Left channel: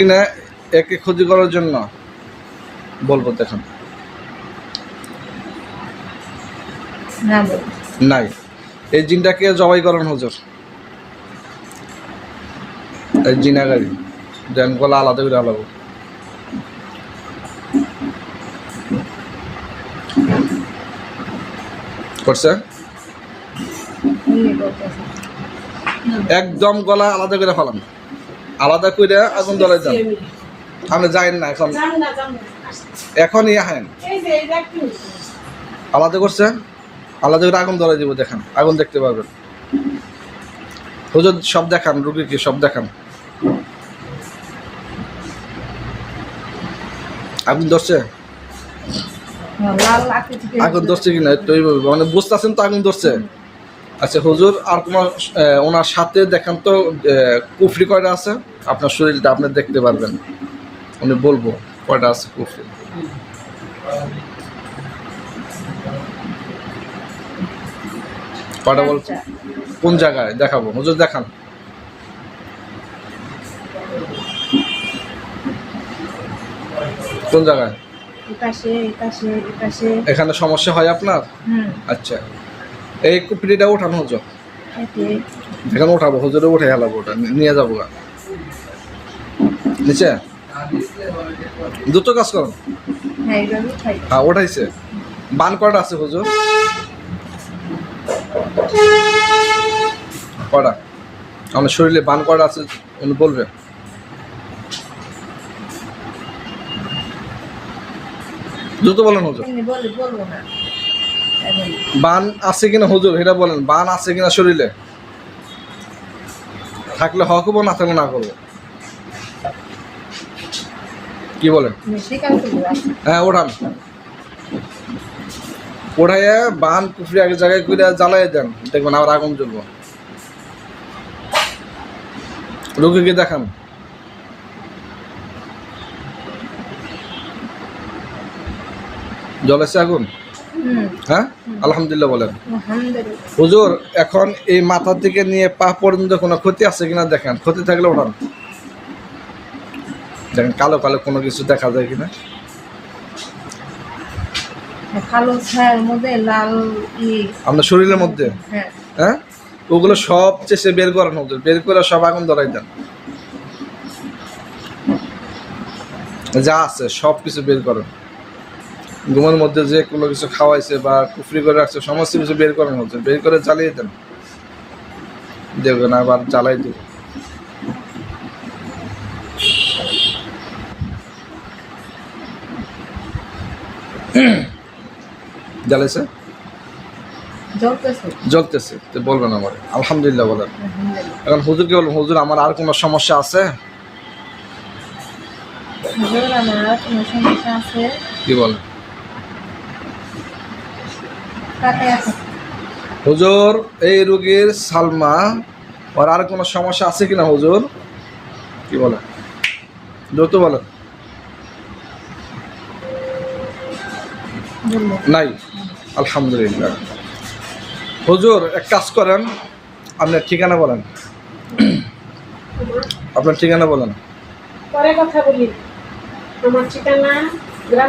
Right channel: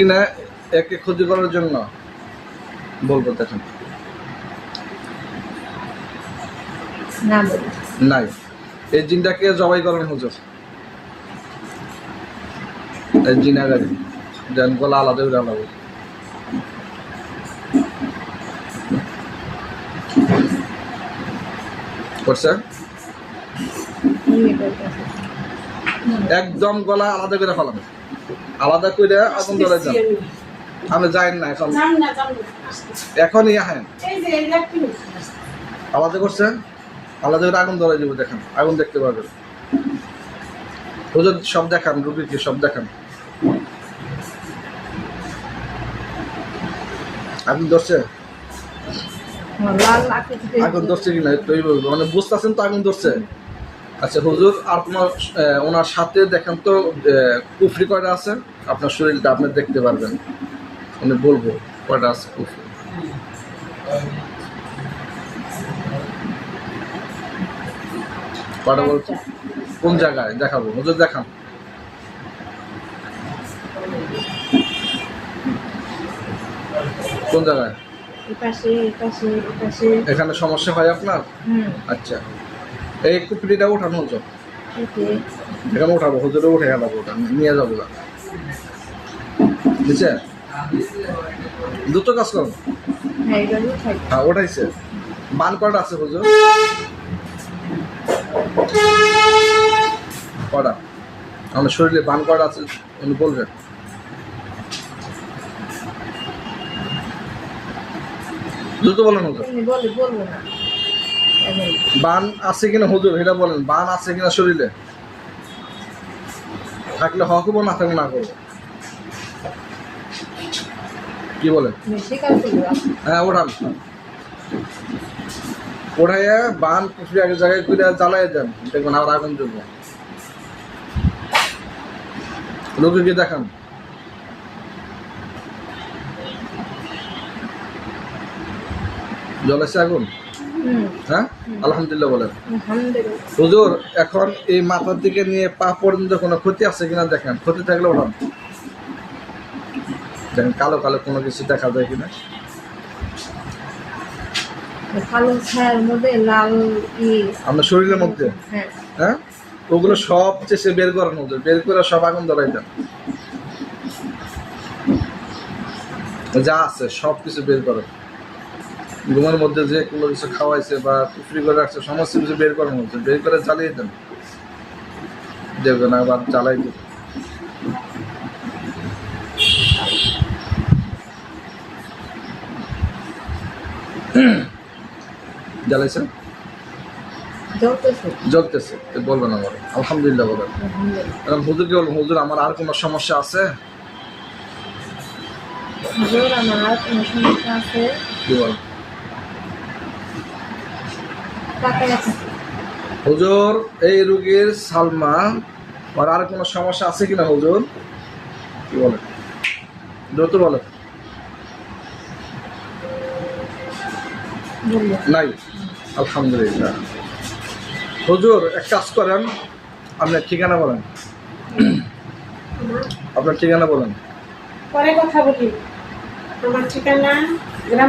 কিনা একে ক্ষতি করার জন্য বলবো দেখেন না বল নাই। এই জিনটাকে জবাই করেন হুজুর, এই জিনাগারি যেন গলা আলাদা করে আলাদা করছে, একদম গলা আলাদা করে ফেলাম, আলাদা করে আগুন ধরে যান। আপনি যাইন না এখন, এখনই আহেন। আলাদা করছে, আলাদা করে আগুন ধরে দিব, দেখেন আগুন দেখতে পারবেন। হুজুর সব দেখান, রুগীকে সব দেখান। আগুন ধরছে, আগুন ধরছে কিনা তো মানে বুঝতেছেন তো আগুন ধরছে। আচ্ছা হুজুর, আর তোমার ওনার সাথে দেখেন তো কুফরি কয়টা আছে আপনার শরীরটা, আপনি দেখতে পারবেন। উনি বলবো কয়টা আছে কুফরি। কয়টা বল, কোন জায়গায় দেখাবো হুজুর, দেখান। কোন জায়গায়? এখানে সমস্যা হয় আপনার? আচ্ছা, এই কুপড়িটা ওঠানো হুজুর, এখানে উঠাবো হুজুরে, উঠে হেলাবো, ওটা নিয়ে যাবো নিচে। দ্রুত কাজ করো। হ্যাঁ ওঠাইছে। বান কয়টা আছে হুজুর? কয়টা আমার শরীরে বান কয়টা আছে উনি বলবে। দ্রুত বলেন হুজুর। বলবো না। বান আছে কিনা হুজুর এটা বলেন, বান আছে কিনা শরীরে, থাকলে হক হবো, না থাকলে না করবো। কি বলেন? হ্যাঁ ওঠান, ওঠাইয়া বান কুফরি আগে জায়গায় করে জ্বালাই দেন, দেখবেন আবার আগুন জ্বলবো। রোগীকে দেখান। জ্বলেছে আগুন? হ্যাঁ আলহামদুলিল্লাহ বলেন। হুজুর এখন এই মাথার দিকে নিয়ে পা পর্যন্ত কোনো ক্ষতি আছে কিনা দেখেন, ক্ষতি থাকলে ওঠান, দেখেন কালো কালো কোনো কিছু দেখা যায় কিনা। কালো ছায়ার মধ্যে লাল আপনার শরীরের মধ্যে, হ্যাঁ ওগুলো সব চেষ্টা বের করেন হুজুর, বের করে সব আগুন ধরাই দেন, যা আছে সব কিছু বের করেন। ঘুমের মধ্যে যে কোনো কিছু খাওয়াইছে বা কুফরি করে রাখছে সমস্ত কিছু বের করেন হুজুর, বের করে জ্বালিয়ে দেন, দেখবেন আবার জ্বালাই দেব। জ্বালাইছে, জ্বলতেছে তো বলবেন আমার আলহামদুলিল্লাহ বলেন। এখন হুজুরকে বলবেন হুজুর আমার আর কোনো সমস্যা আছে? কি বল হুজুর, এই রোগীর সালমা ওর আর কোনো সমস্যা আছে কিনা হুজুর? কি বলে দ্রুত বলেন। নাই আলহামদুলিল্লাহ। হুজুর এক কাজ করেন, আপনার ঠিকানা বলেন, আপনার ঠিকানা বলেন। পরে কথা বলি। আমার ঠিকানা গ্রামে।